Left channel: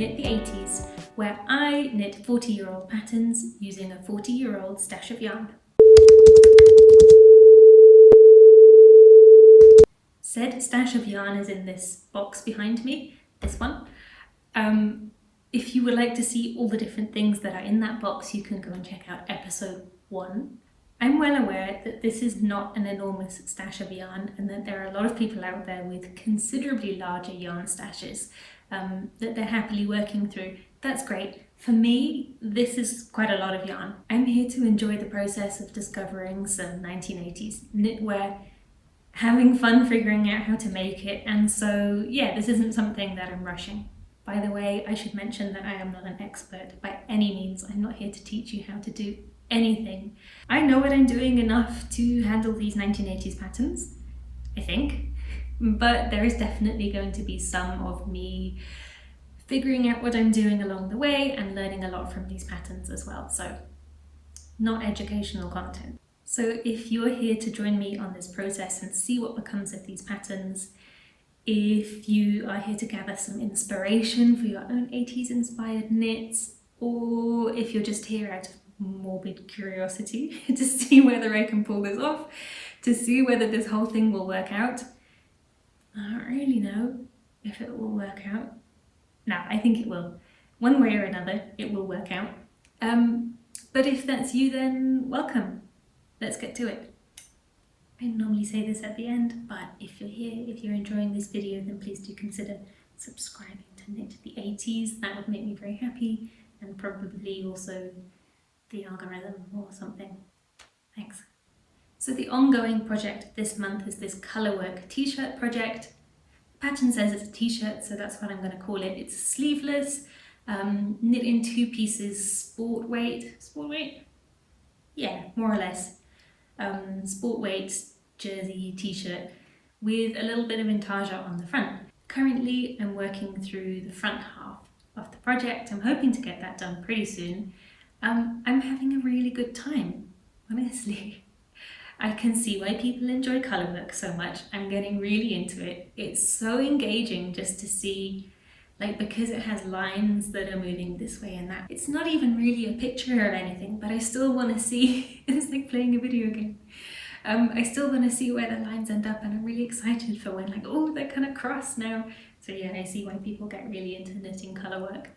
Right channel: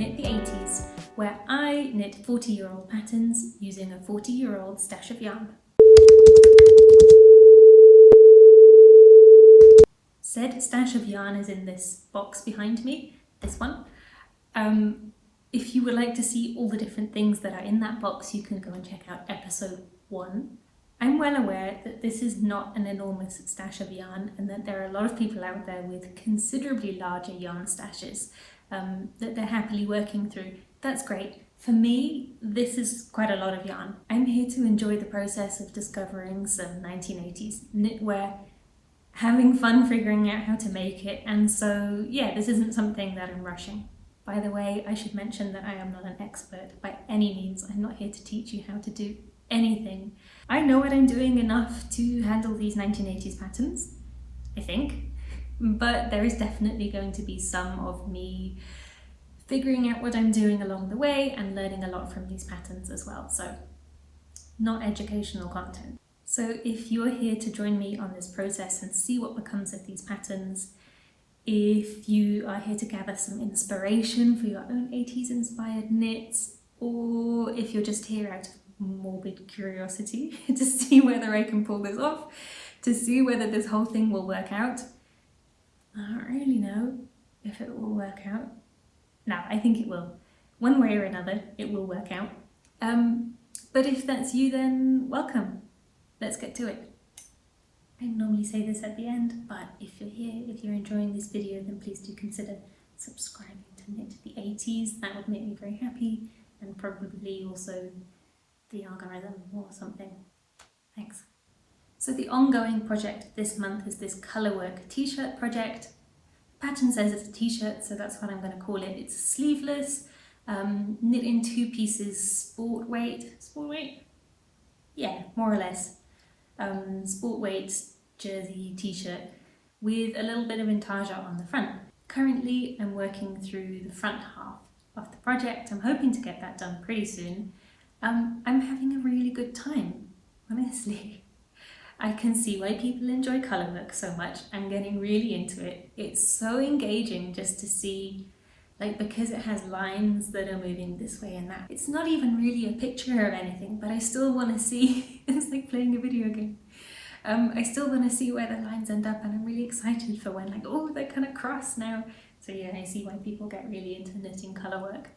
Knit the 80s, where I knit 40-year-old patterns using a 40-year-old stash of yarn. Said stash of yarn is in this box behind me, this one. If you would like to see all the different things that are in that box, you can go and check out episode 1. I'm well aware that this is not an enormous stash of yarn and that there are a lot of people out there with considerably larger yarn stashes that they're happily working through. That's great. For me, this is quite a lot of yarn. I'm here to enjoy the process of discovering some 1980s knitwear, having fun figuring out how to make it, and so yeah, this isn't something that I'm rushing. By the way, I should mention that I am not an expert by any means. I'm not here to teach you how to do anything. I know what I'm doing enough to handle these 1980s patterns, I think, but there is definitely going to be some of me figuring out what I'm doing along the way and learning a lot from these patterns as well, so not educational content. So if you're here to join me on this process and see what becomes of these patterns, if you are here to gather some inspiration for your own 80s inspired knits, or if you're just here out of morbid curiosity to see whether I can pull this off, to see whether this whole thing will work out. I don't really know if it will work out. No, I think it will. One way or another, it will work out. But if that's you, then welcome. Let's get to it. I normally say this at the end, but if you're here, if you're enjoying this video, then please do consider subscribing to Knit the 80s. That would make me very happy, and probably also the algorithm or something. Thanks. So the ongoing project this month is this colourwork t-shirt project. The pattern says it's a t-shirt, so that's what I'm going to call it. It's sleeveless, knit in 2 pieces, sport weight? Yeah, more or less. Sport weight jersey t-shirt with a little bit of Intarsia on the front. Currently I'm working through the front half of the project. I'm hoping to get that done pretty soon. I'm having a really good time, honestly. I can see why people enjoy colourwork so much. I'm getting really into it. It's so engaging just to see, like, because it has lines that are moving this way and that. It's not even really a picture of anything, but I still want to see, it's like playing a video game. I still want to see where the lines end up, and I'm really excited for when, like, oh, they're kind of cross now. So yeah, I see why people get really into knitting colourwork.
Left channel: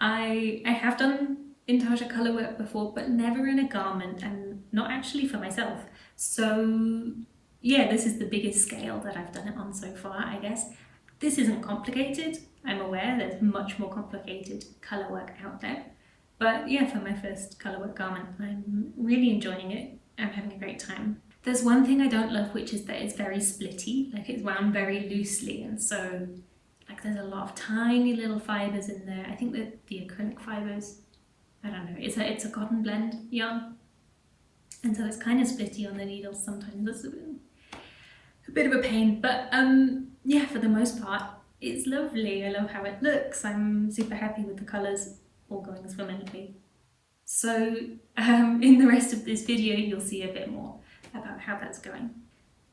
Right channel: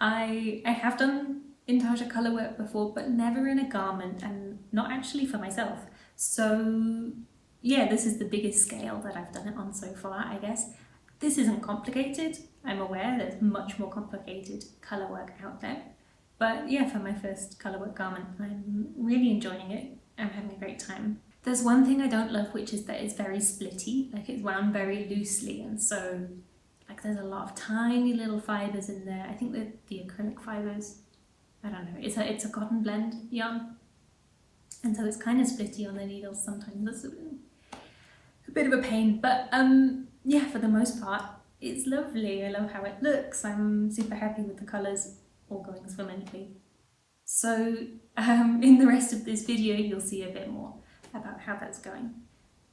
I have done Intarsia colourwork before, but never in a garment, and not actually for myself. So yeah, this is the biggest scale that I've done it on so far, I guess. This isn't complicated. I'm aware there's much more complicated colourwork out there. But yeah, for my first colourwork garment, I'm really enjoying it. I'm having a great time. There's one thing I don't love, which is that it's very splitty, like it's wound very loosely, and so like there's a lot of tiny little fibres in there. I think that the acrylic fibres, I don't know, it's a cotton blend yarn, and so it's kind of splitty on the needles sometimes. It's a bit of a pain, but yeah, for the most part, it's lovely. I love how it looks. I'm super happy with the colours all going swimmingly. So in the rest of this video, you'll see a bit more about how that's going.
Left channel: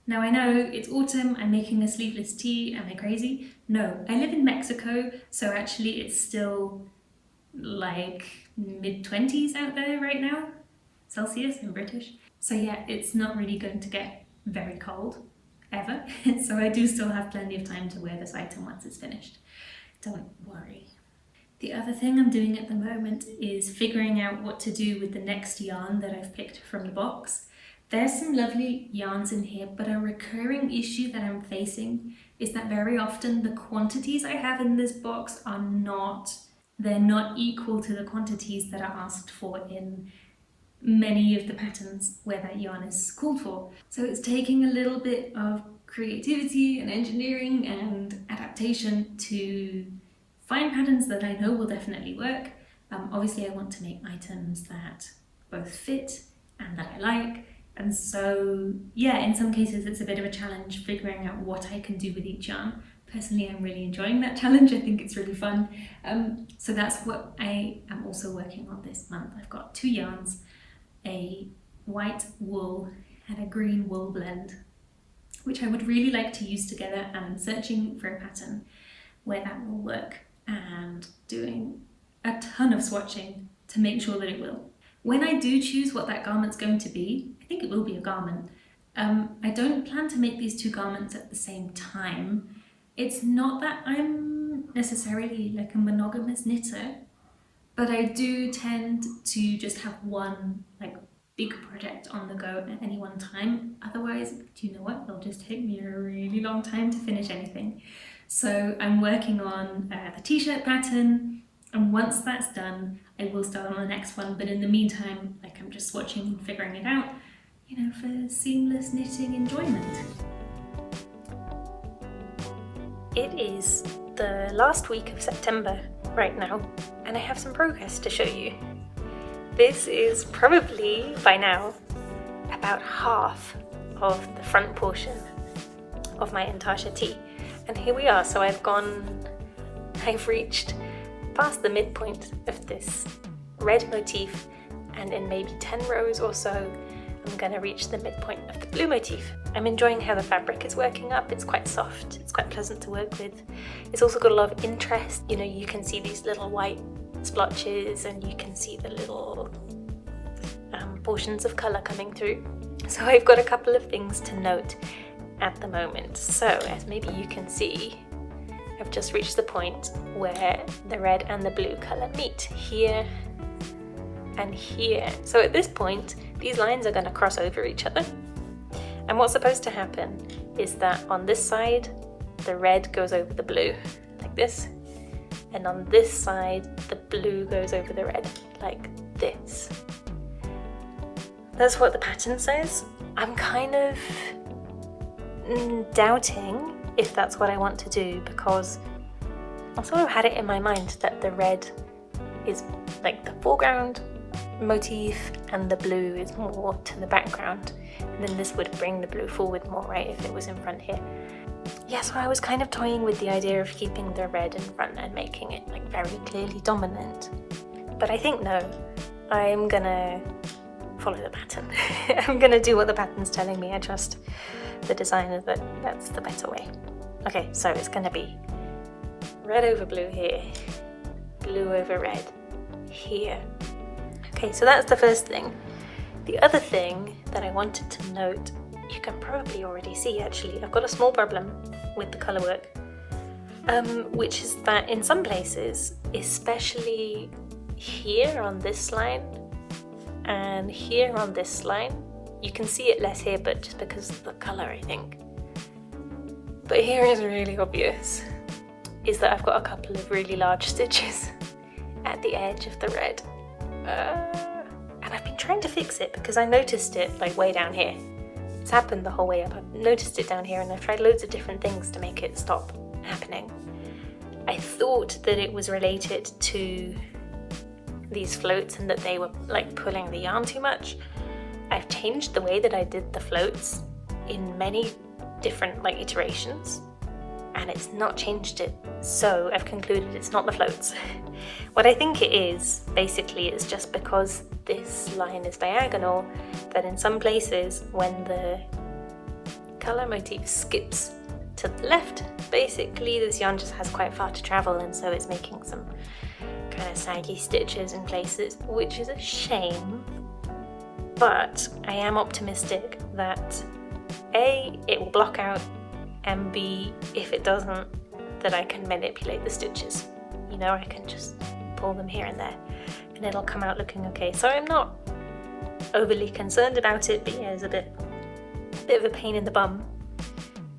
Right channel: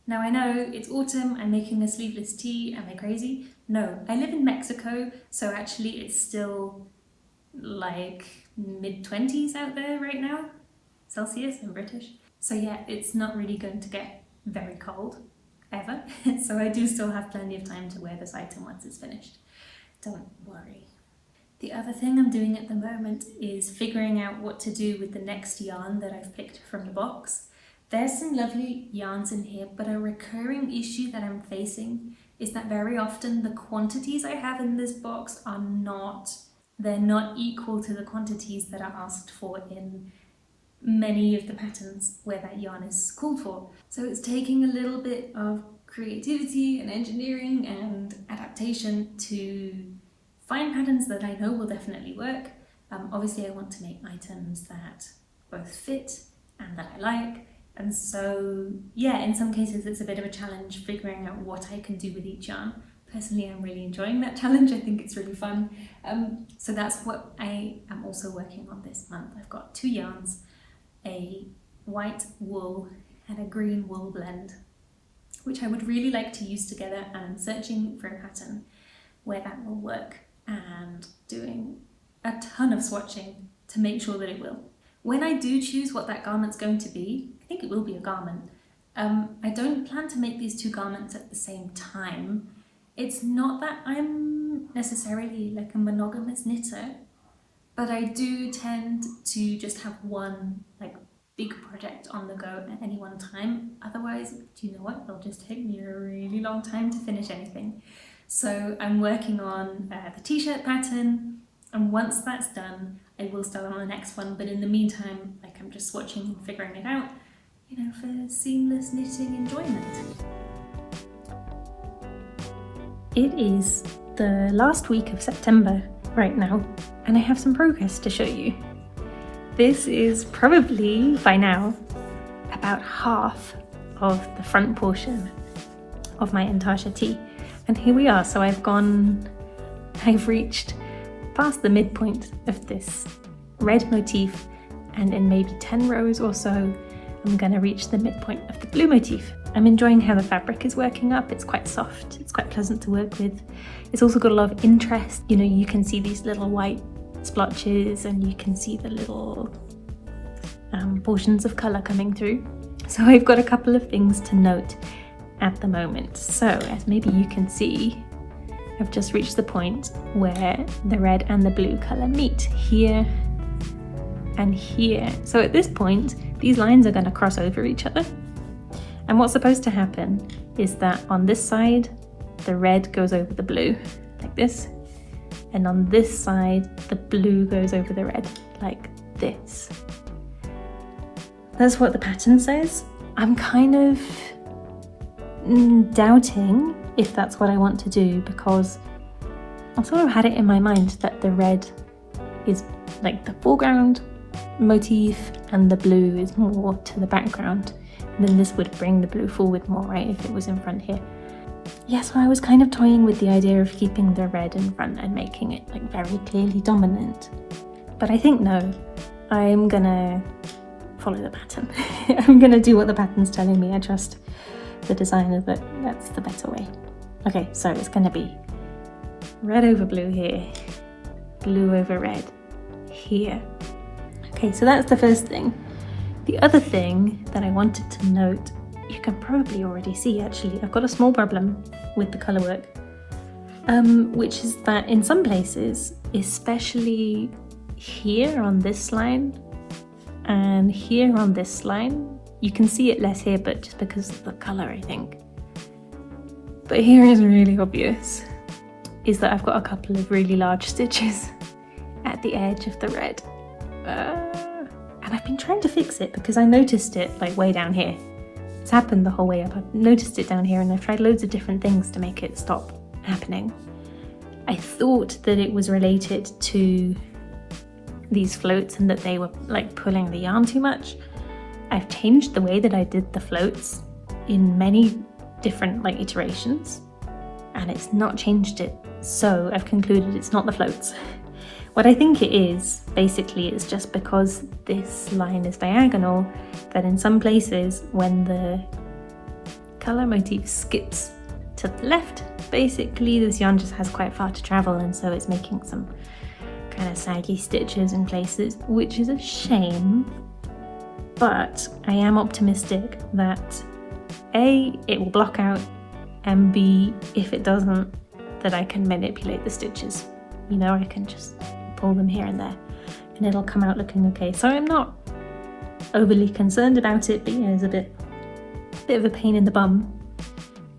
Now I know it's autumn, I'm making a sleeveless tee, am I crazy? No, I live in Mexico, so actually it's still like mid-20s out there right now. Celsius, I'm British. So yeah, it's not really going to get very cold, ever. So I do still have plenty of time to wear this item once it's finished. Don't worry. The other thing I'm doing at the moment is figuring out what to do with the next yarn that I've picked from the box. There's some lovely yarns in here, but a recurring issue that I'm facing is that very often the quantities I have in this box are not equal to the quantities that are asked for in many of the patterns where that yarn is called for. So it's taking a little bit of creativity and engineering and adaptation to find patterns that I know will definitely work. Obviously I want to make items that both fit and that I like, and so yeah, in some cases it's a bit of a challenge figuring out what I can do with each yarn. Personally, I'm really enjoying that challenge. I think it's really fun. So that's what I am also working on this month. I've got 2 yarns, a white wool and a green wool blend, which I would really like to use together, and I'm searching for a pattern where that will work. and doing a ton of swatching to make sure that it will. When I do choose what that garment's going to be, I think it will be a garment. I don't plan to make these two garments at the same time. It's not that I'm necessarily like a monogamous knitter, but I do tend to just have one like big project on the go at any one time. Otherwise, do you know what? It'll just take me a really long time to finish anything. So I'm working on the t-shirt pattern, and once that's done, I will start on the next one. But in the meantime, like I'm just swatching and figuring it out, you know, for seamless knitting enjoyment. It is the last week of September right now, and I have some progress to show you. This is probably, by now, about half of the front portion of my Intarsia tee. And here we are, so I've reached past the midpoint of this red motif, and in maybe 10 rows or so, I'm gonna reach the midpoint of the blue motif. I'm enjoying how the fabric is working up. It's quite soft, it's quite pleasant to work with. It's also got a lot of interest. You know, you can see these little white splotches, and you can see the little portions of colour coming through. So I've got a couple of things to note at the moment. So as maybe you can see, I've just reached the point where the red and the blue colour meet here and here. So at this point, these lines are going to cross over each other. And what's supposed to happen is that on this side, the red goes over the blue, like this. And on this side, the blue goes over the red, like this. That's what the pattern says. I'm kind of doubting if that's what I want to do, because I've sort of had it in my mind that the red is like the foreground motif and the blue is more to the background, and then this would bring the blue forward more, right, if it was in front here. Yeah, so I was kind of toying with the idea of keeping the red in front and making it like very clearly dominant, but I think no, I'm gonna follow the pattern. I'm gonna do what the pattern's telling me. I trust the designer that that's the better way. Okay, so it's gonna be red over blue here, blue over red here. Okay, so that's the first thing. The other thing that I wanted to note, you can probably already see actually, I've got a small problem with the colour work, which is that in some places, especially here on this line and here on this line, you can see it less here, but just because of the colour, I think. But here is really obvious, is that I've got a couple of really large stitches at the edge of the red. And I've been trying to fix it because I noticed it like way down here. It's happened the whole way up. I've noticed it down here, and I've tried loads of different things to make it stop happening. I thought that it was related to these floats and that they were like pulling the yarn too much. I've changed the way that I did the floats in many different like iterations, and it's not changed it. So I've concluded it's not the floats. What I think it is, basically, is just because this line is diagonal, that in some places when the colour motif skips to the left, basically this yarn just has quite far to travel, and so it's making some kind of saggy stitches in places, which is a shame. But I am optimistic that A, it will block out, and B, if it doesn't, that I can manipulate the stitches. You know, I can just pull them here and there, and it'll come out looking okay. So I'm not overly concerned about it, but yeah, it's a bit of a pain in the bum.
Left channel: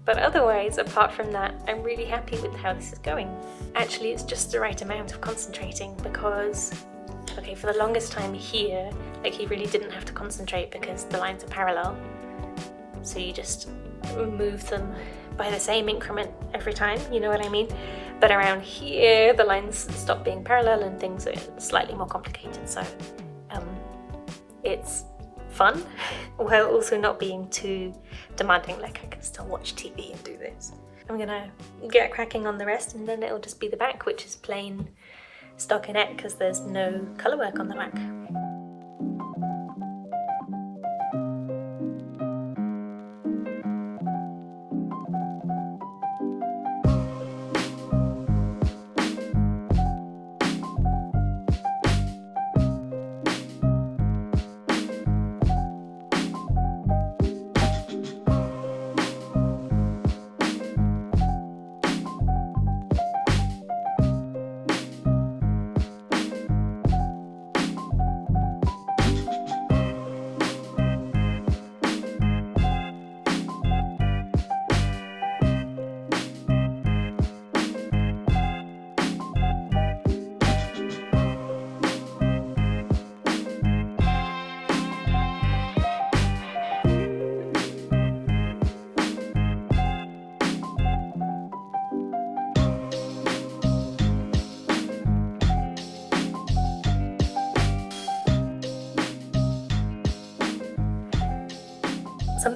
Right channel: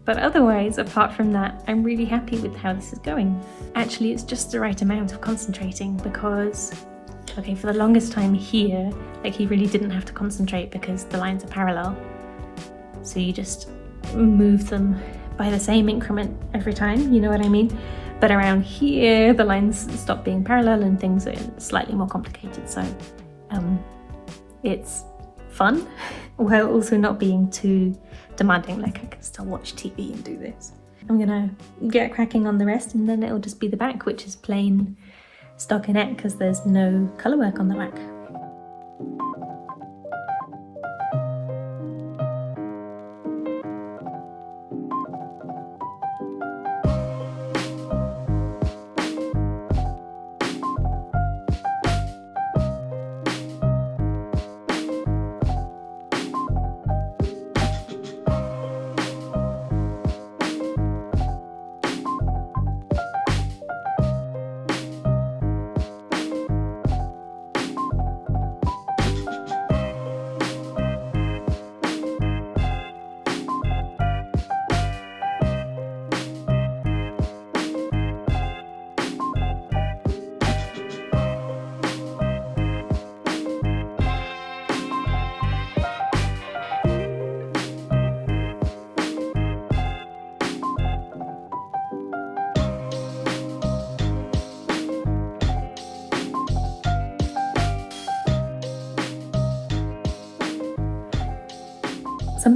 But otherwise, apart from that, I'm really happy with how this is going. Actually, it's just the right amount of concentrating, because, okay, for the longest time here, like, you really didn't have to concentrate because the lines are parallel. So you just move them by the same increment every time, you know what I mean? But around here, the lines stop being parallel and things are slightly more complicated. So it's fun, while also not being too demanding. Like, I can still watch TV and do this. I'm gonna get cracking on the rest, and then it'll just be the back, which is plain stockinette because there's no colour work on the back.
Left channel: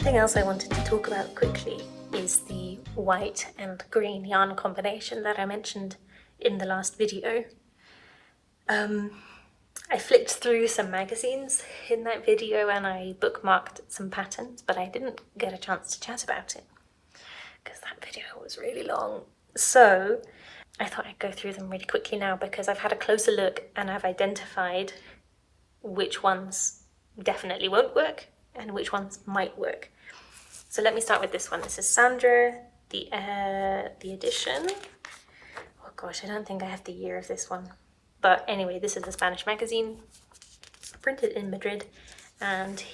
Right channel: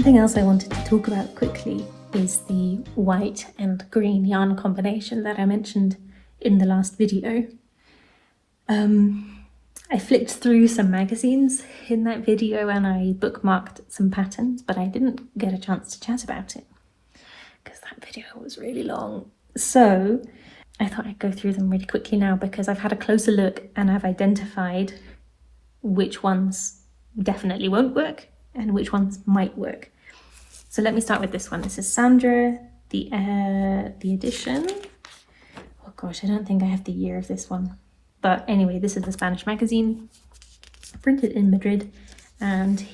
Something else I wanted to talk about quickly is the white and green yarn combination that I mentioned in the last video. I flicked through some magazines in that video and I bookmarked some patterns, but I didn't get a chance to chat about it because that video was really long. So I thought I'd go through them really quickly now because I've had a closer look and I've identified which ones definitely won't work and which ones might work. So let me start with this one. This is Sandra, the edition. Oh gosh, I don't think I have the year of this one. But anyway, this is the Spanish magazine, printed in Madrid, and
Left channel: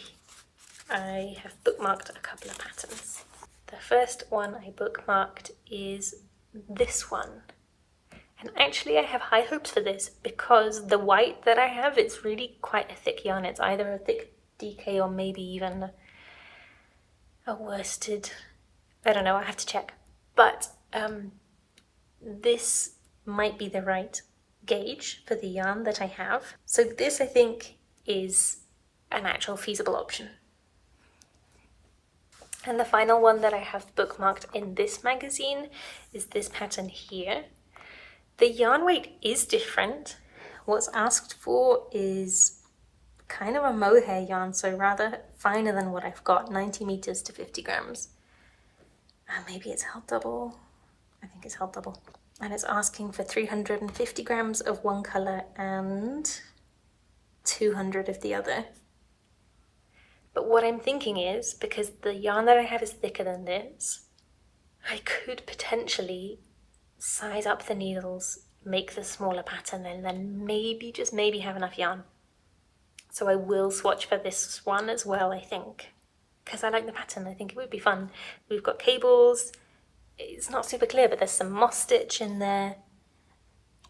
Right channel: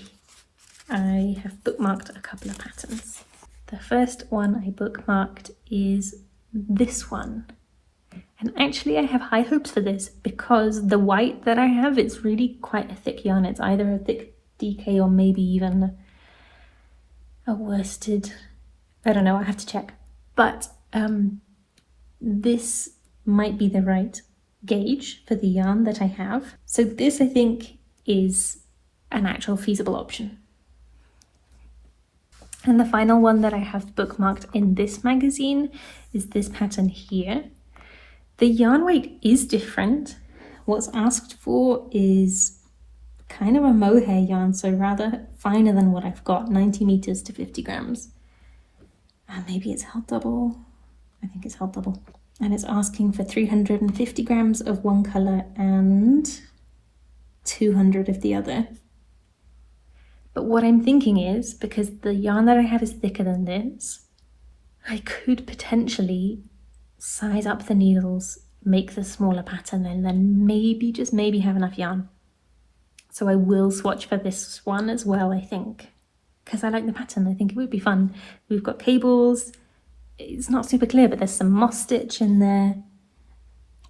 I have bookmarked a couple of patterns. The first one I bookmarked is this one. And actually I have high hopes for this because the white that I have, it's really quite a thick yarn. It's either a thick DK or maybe even a worsted. I don't know, I have to check. But this might be the right gauge for the yarn that I have. So this I think is an actual feasible option. And the final one that I have bookmarked in this magazine is this pattern here. The yarn weight is different. What's asked for is kind of a mohair yarn, so rather finer than what I've got, 90 meters to 50 grams. And maybe it's held double. I think it's held double. And it's asking for 350 grams of one colour and 200 of the other. But what I'm thinking is, because the yarn that I have is thicker than this, I could potentially size up the needles, make the smaller pattern, and then maybe, just maybe, have enough yarn. So I will swatch for this one as well, I think, because I like the pattern. I think it would be fun. We've got cables. It's not super clear, but there's some moss stitch in there.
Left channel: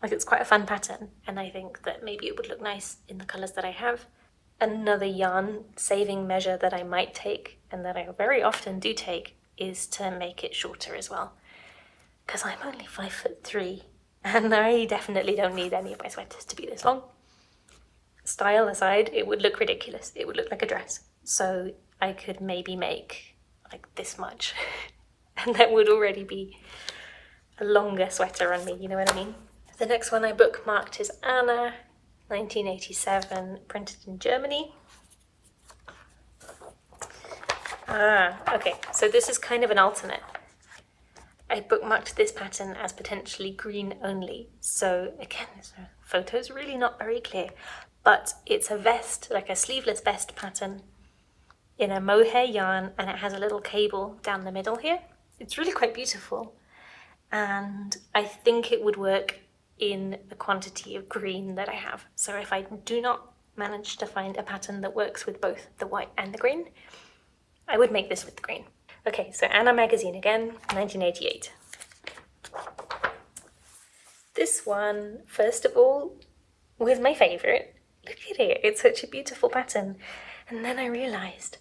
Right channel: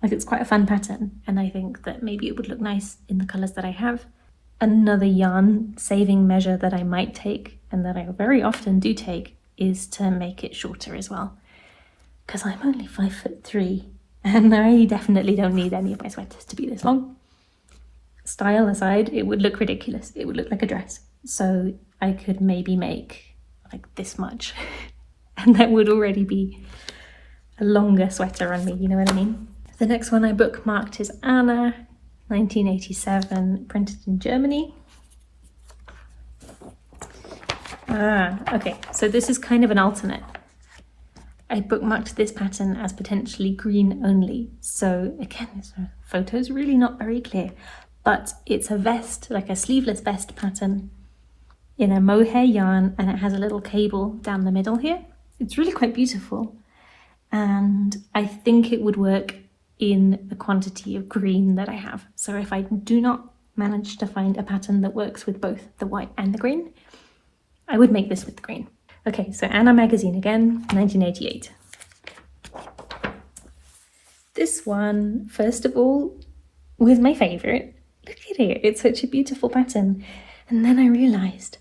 Like, it's quite a fun pattern, and I think that maybe it would look nice in the colours that I have. Another yarn saving measure that I might take, and that I very often do take, is to make it shorter as well. Because I'm only 5'3", and I definitely don't need any of my sweaters to be this long. Style aside, it would look ridiculous. It would look like a dress. So I could maybe make like this much. And that would already be a longer sweater on me, you know what I mean? The next one I bookmarked is Anna, 1987, printed in Germany. Okay, so this is kind of an alternate. I bookmarked this pattern as potentially green only. So again, this photo's really not very clear, but it's a vest, like a sleeveless vest pattern in a mohair yarn, and it has a little cable down the middle here. It's really quite beautiful, and I think it would work in the quantity of green that I have. So if I do not manage to find a pattern that works with both the white and the green, I would make this with the green. Okay, so Anna magazine again, 1988. This one, first of all, was my favourite. Look at it, it's such a beautiful pattern. And then I realised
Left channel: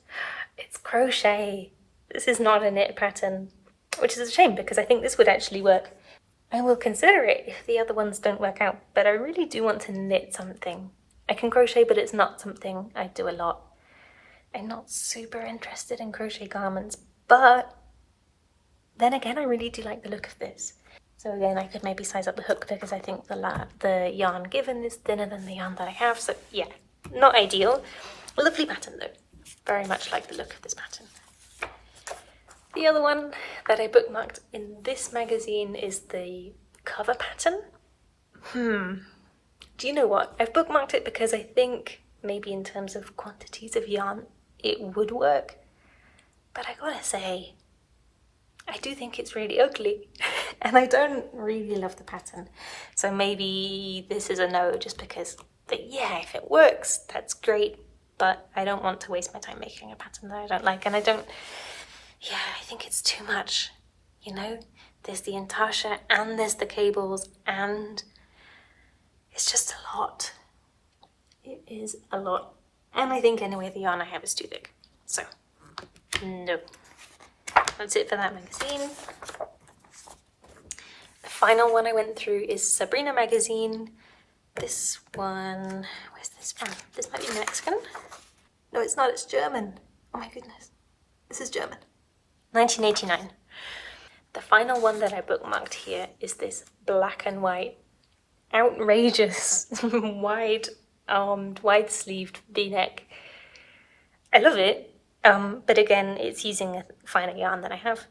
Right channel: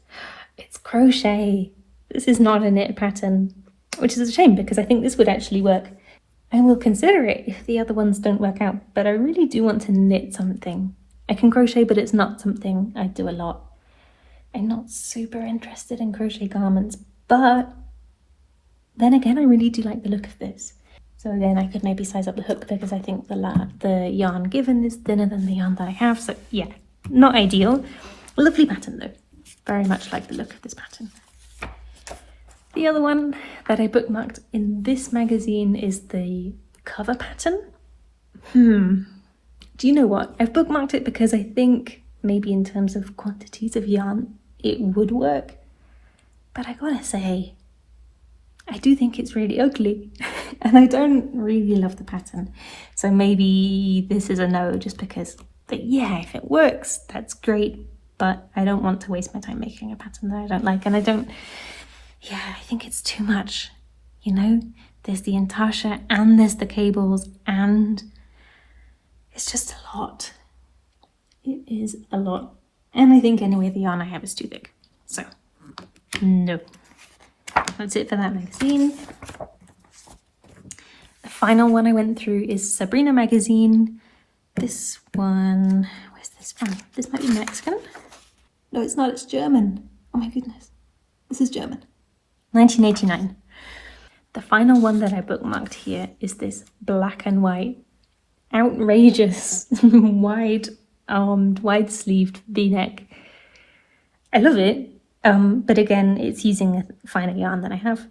it's crochet. This is not a knit pattern, which is a shame because I think this would actually work. I will consider it if the other ones don't work out, but I really do want to knit something. I can crochet, but it's not something I do a lot. I'm not super interested in crochet garments, but then again, I really do like the look of this. So again, I could maybe size up the hook because I think the yarn given is thinner than the yarn that I have. So yeah, not ideal. Lovely pattern though. Very much like the look of this pattern. The other one that I bookmarked in this magazine is the cover pattern. Do you know what? I've bookmarked it because I think maybe in terms of quantities of yarn, it would work. But I gotta say, I do think it's really ugly and I don't really love the pattern. So maybe this is a no, just because, yeah, if it works, that's great. But I don't want to waste my time making a pattern that I don't like, and I think it's too much, you know? There's the Intarsia and there's the cables, and it's just a lot. It is a lot. And I think anyway the yarn I have is too thick. So, no. That's it for that magazine. The final one I went through is Sabrina magazine. This one, where's this from? This might be Mexican. No, it's not, it's German. Oh my goodness. This is German. 1989. The final one that I bookmarked here is this black and white, outrageous, wide-armed, wide-sleeved v-neck. I love it, but again, it's using a finer yarn than I have.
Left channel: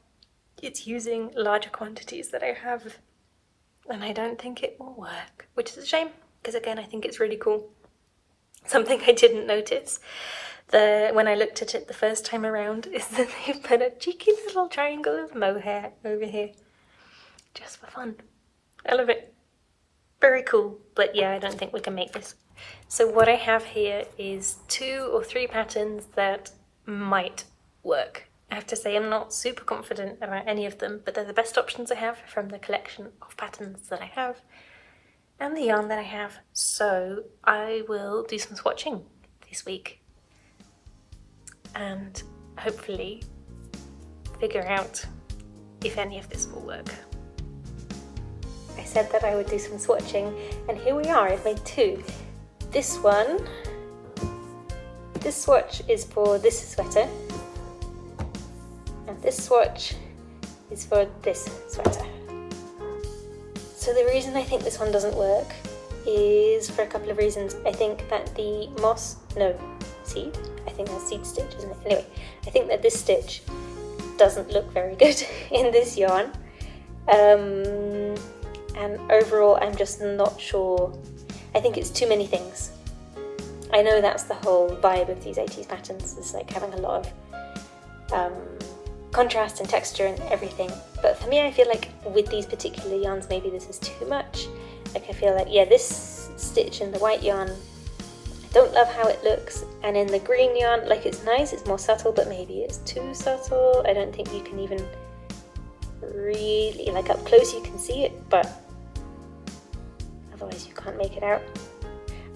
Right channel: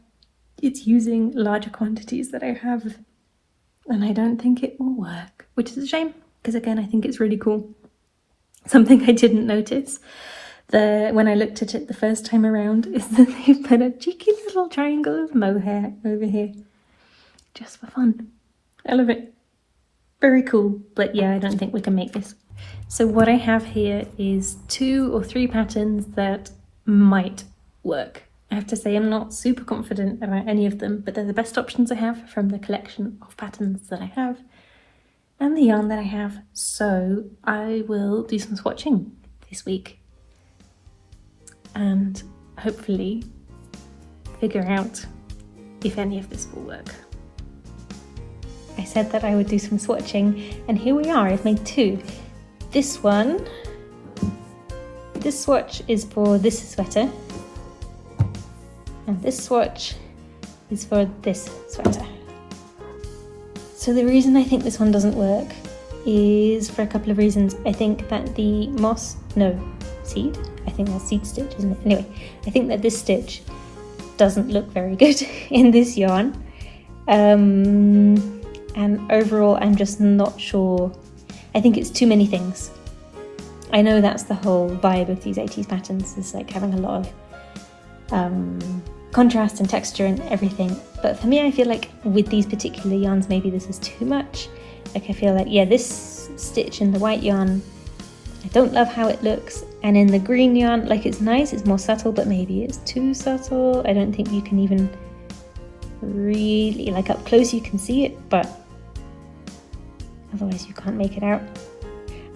It's using larger quantities that I have, and I don't think it will work, which is a shame, because again, I think it's really cool. Something I didn't notice when I looked at it the first time around is that they put a cheeky little triangle of mohair over here, just for fun. I love it. Very cool, but yeah, I don't think we can make this. So what I have here is 2 or 3 patterns that might work. I have to say I'm not super confident about any of them, but they're the best options I have from the collection of patterns that I have and the yarn that I have. So I will do some swatching this week and hopefully figure out if any of this will work. I said that I would do some swatching, and here we are. I've made 2. This swatch is for this sweater, and this swatch is for this sweater. So the reason I think this one doesn't work is for a couple of reasons. I think that the seed? I think that's seed stitch, isn't it? Anyway, I think that this stitch doesn't look very good in this yarn. And overall, I'm just not sure. I think it's too many things. I know that's the whole vibe of these 80s patterns, is like having a lot of contrast and texture and everything. But for me, I feel like with these particular yarns, maybe this is too much. Like I feel like, yeah, this stitch in the white yarn, I don't love how it looks. And in the green yarn, like it's nice, it's more subtle, but maybe it's too subtle. I don't think you can even really, like up close you can see it, but otherwise you can't make it out.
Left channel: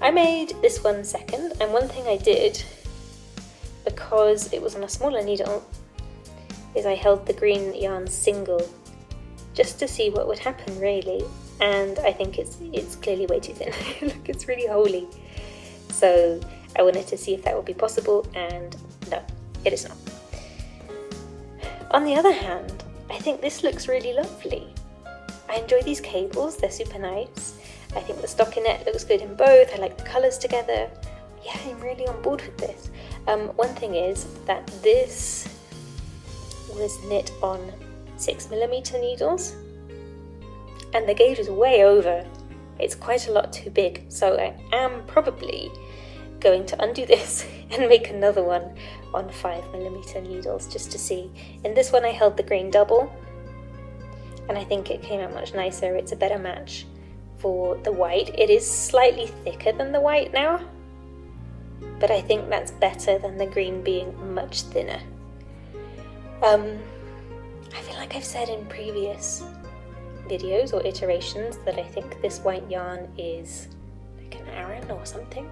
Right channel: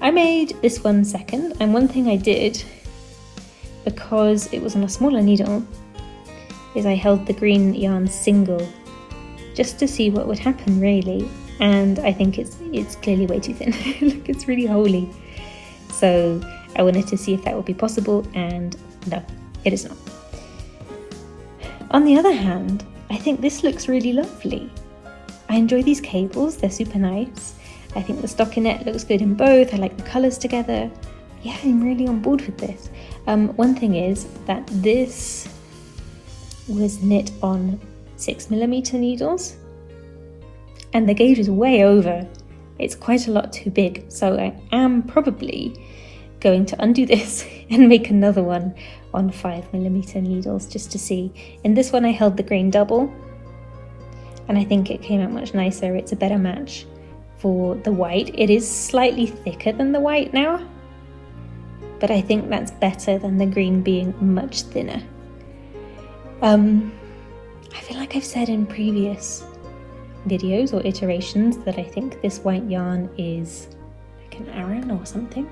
I made this one second, and one thing I did, because it was on a smaller needle, is I held the green yarn single, just to see what would happen really, and I think it's clearly way too thin. Look, it's really holy. So I wanted to see if that would be possible, and no, it is not. On the other hand, I think this looks really lovely. I enjoy these cables, they're super nice. I think the stockinette looks good in both. I like the colours together. Yeah, I'm really on board with this. One thing is that this was knit on 6mm needles, and the gauge is way over. It's quite a lot too big, so I am probably going to undo this and make another one on 5mm needles just to see. In this one I held the green double, and I think it came out much nicer. It's a better match for the white. It is slightly thicker than the white now, but I think that's better than the green being much thinner. I feel like I've said in previous videos or iterations that I think this white yarn is like an Aran or something.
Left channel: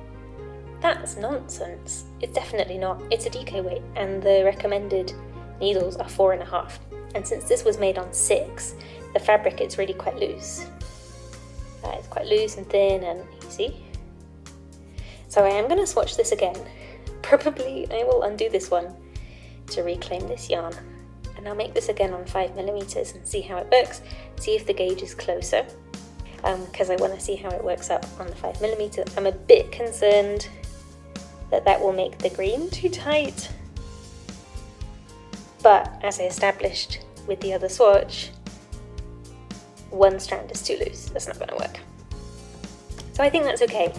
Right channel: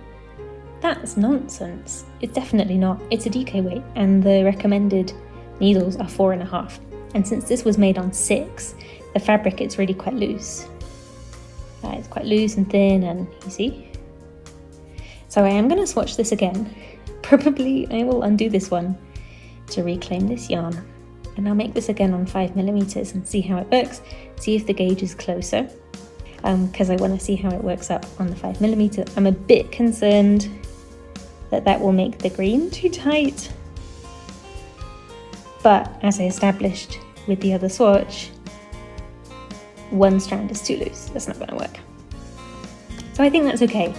That's nonsense. It's definitely not. It's a DK weight, and the recommended needles are 4.5. And since this was made on 6, the fabric is really quite loose. It's quite loose and thin, and you see. So I am going to swatch this again. Probably I will undo this one to reclaim this yarn, and I'll make this again on 5mm and see how it works, see if the gauge is closer, because I want to see how it works out on the 5mm. I'm a bit concerned that that will make the green too tight, but as I established with the other swatch, one strand is too loose. That's not going to work. So I think that's okay.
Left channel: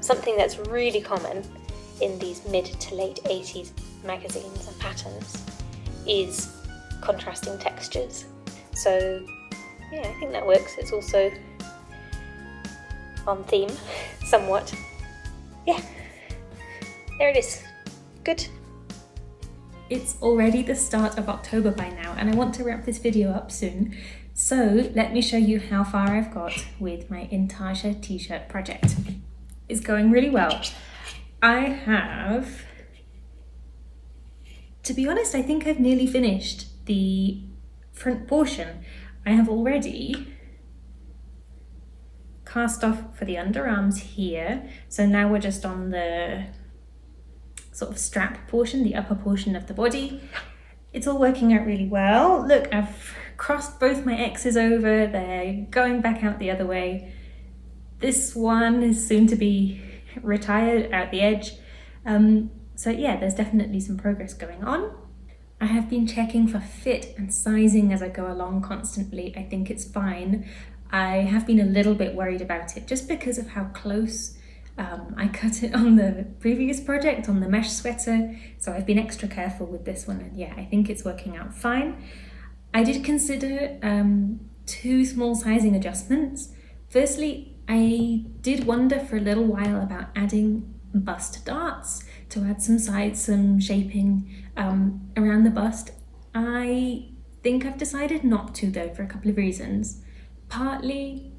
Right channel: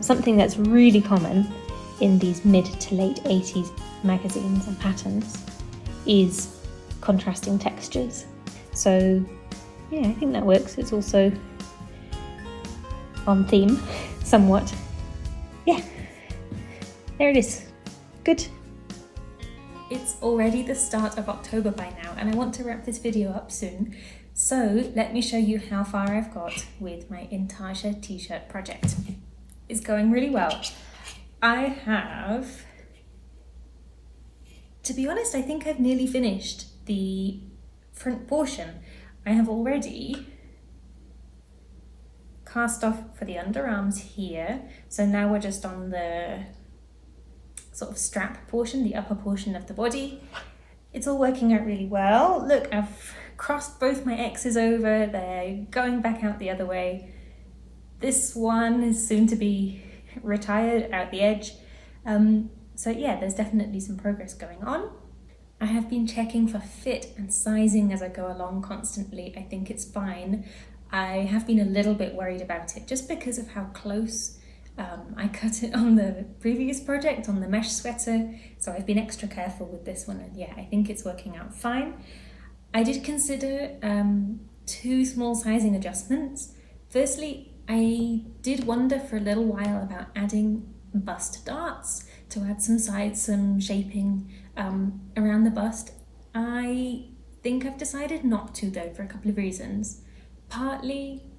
Something that's really common in these mid to late 80s magazines and patterns is contrasting textures. So yeah, I think that works. It's also on theme somewhat. Yeah, there it is. Good. It's already the start of October by now, and I want to wrap this video up soon. So let me show you how far I've got with my Intarsia t-shirt project. It's going really well. I have, to be honest, I think I've nearly finished the front portion. I have already cast off for the underarms here. So now we're just on the sort of strap portion, the upper portion of the body. It's all working out really well. Look, I've crossed both my X's over, they're going back out the other way. This one is soon to be retired out the edge. So yeah, there's definitely some progress going on. I have been checking for fit and sizing as I go along constantly. I think it's fine. I have been a little bit worried about it just because of how close I cut it on the previous project, on the mesh sweater. So I've been extra careful with this one, and yeah, I think it's working out fine. I did consider 2 small sizing adjustments. Firstly, I did wonder for a little while about adding bust darts to add some sides, some shaping around the bust. I think I've decided not to though, for a couple of reasons. Partly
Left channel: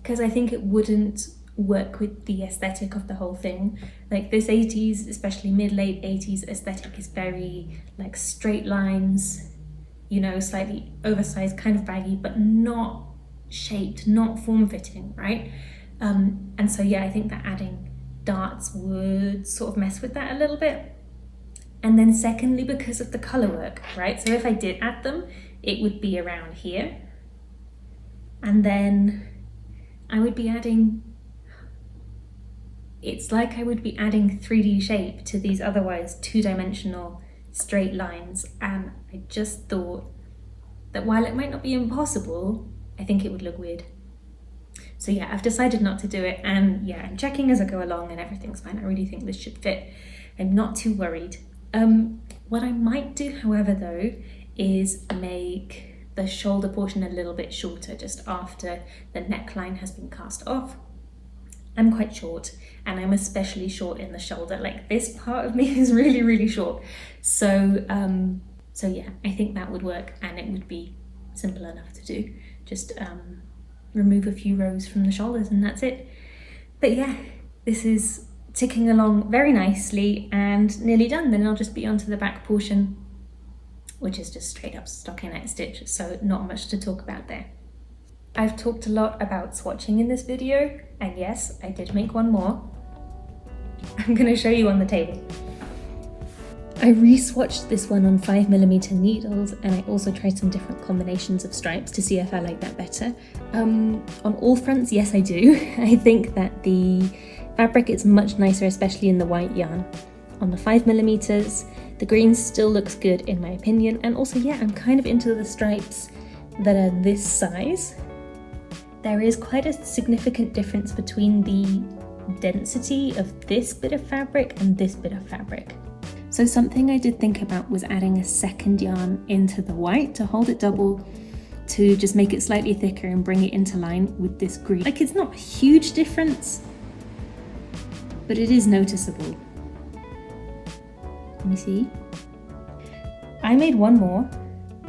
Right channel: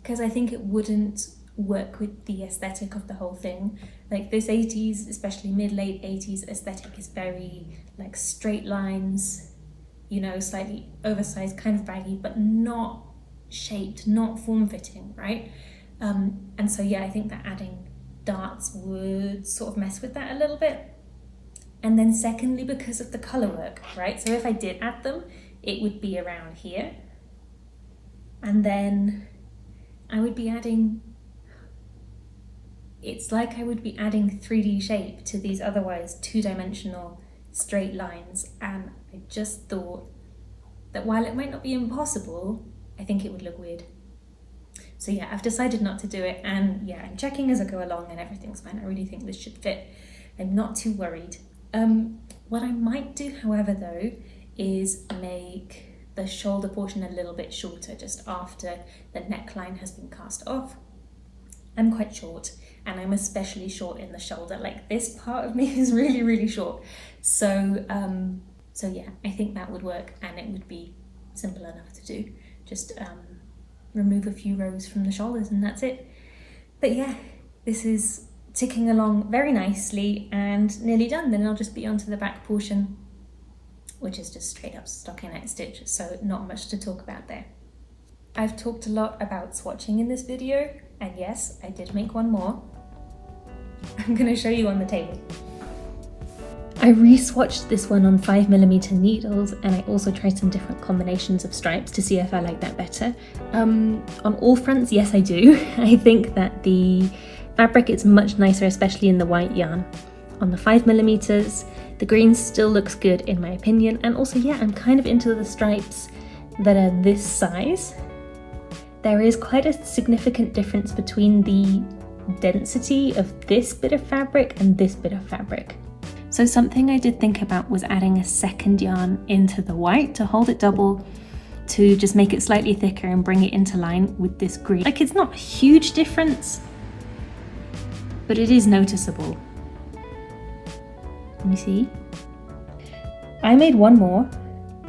because I think it wouldn't work with the aesthetic of the whole thing. Like this 80s, especially mid-late 80s aesthetic is very like straight lines, you know, slightly oversized, kind of baggy, but not shaped, not form-fitting, right? And so yeah, I think that adding darts would sort of mess with that a little bit. And then secondly, because of the color work, right? So if I did add them, it would be around here. And then I would be adding, it's like I would be adding 3D shape to these otherwise 2-dimensional straight lines. And I just thought that while it might not be impossible, I think it would look weird. So yeah, I've decided not to do it, and yeah, I'm checking as I go along and everything's fine. I really think this should fit. I'm not too worried. What I might do, however, though, is make the shoulder portion a little bit shorter just after the neckline has been cast off. I'm quite short, and I'm especially short in the shoulder. Like this part of me is really, really short. So yeah, I think that would work, and it would be simple enough to do. Just remove a few rows from the shoulders and that's it. But yeah, this is ticking along very nicely and nearly done. Then I'll just be onto the back portion, which is just straight up stockinette stitch, so not much to talk about there. I've talked a lot about swatching in this video, and yes, I did make one more. I'm going to show you on the table. I re-swatched this one on 5mm needles, and I also tried some different combinations of stripes to see if I like that better. On all fronts, yes I do. I think that the fabric is much nicer, especially in the white yarn. On the 5mm, the green still looks good in my opinion, and also yeah, I'm kind of into the stripes that are this size. There is quite a significant difference between the density of this bit of fabric and this bit of fabric. So something I did think about was adding a second yarn into the white to hold it double, to just make it slightly thicker and bring it into line with this green. Like, it's not a huge difference, but it is noticeable. Let me see. I made one more.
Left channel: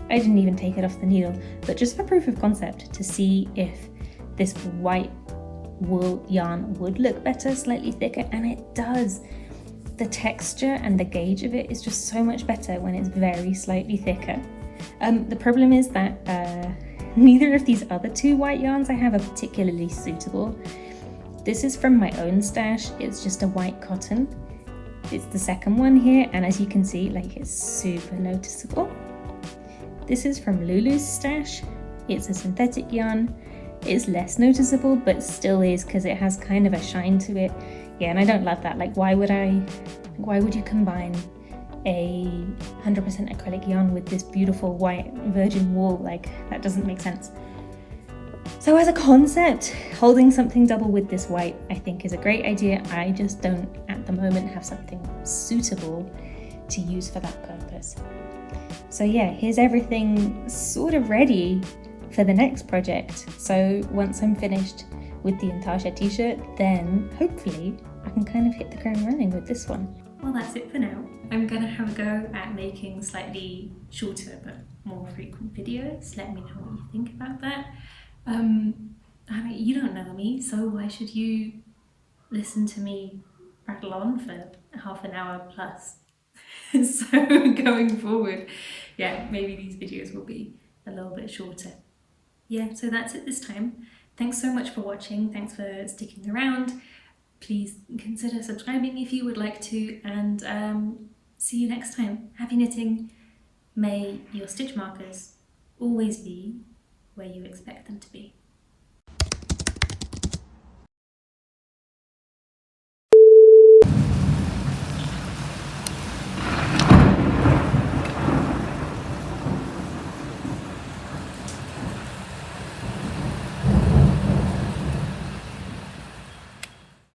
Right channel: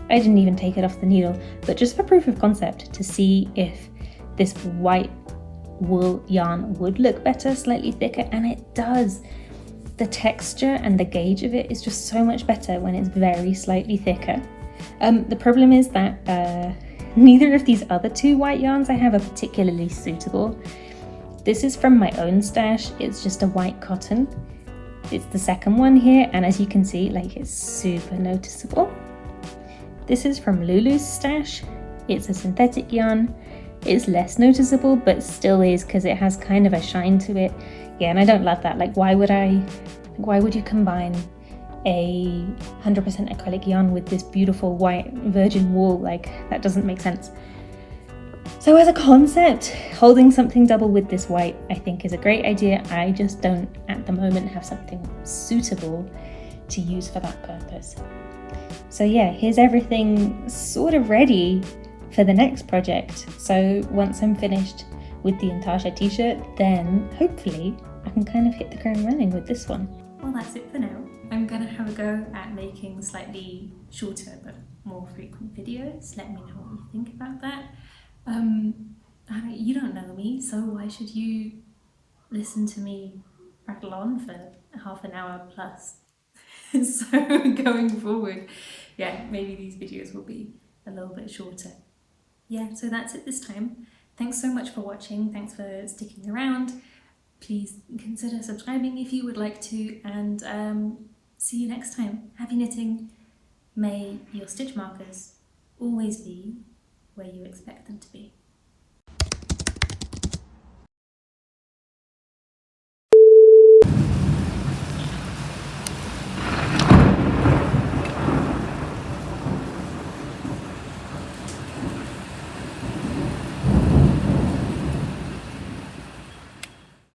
I didn't even take it off the needle, but just for proof of concept, to see if this white wool yarn would look better, slightly thicker, and it does. The texture and the gauge of it is just so much better when it's very slightly thicker. The problem is that neither of these other 2 white yarns I have are particularly suitable. This is from my own stash. It's just a white cotton. It's the second one here, and as you can see, like, it's super noticeable. This is from Lulu's stash. It's a synthetic yarn. It's less noticeable, but still is, because it has kind of a shine to it. Yeah, and I don't love that. Like, why would you combine a 100% acrylic yarn with this beautiful white virgin wool? Like, that doesn't make sense. So as a concept, holding something double with this white, I think, is a great idea. I just don't, at the moment, have something suitable to use for that purpose. So yeah, here's everything sort of ready for the next project. So once I'm finished with the Intarsia t-shirt, then hopefully I can kind of hit the ground running with this one. Well, that's it for now. I'm gonna have a go at making slightly shorter but more frequent videos. Let me know what you think about that. I mean, you don't know me, so why should you listen to me rattle on for half an hour plus? So going forward, yeah, maybe these videos will be a little bit shorter. Yeah, so that's it this time. Thanks so much for watching. Thanks for sticking around. Please consider subscribing if you would like to, and see you next time. Happy knitting. May your stitch markers always be where you expect them to be.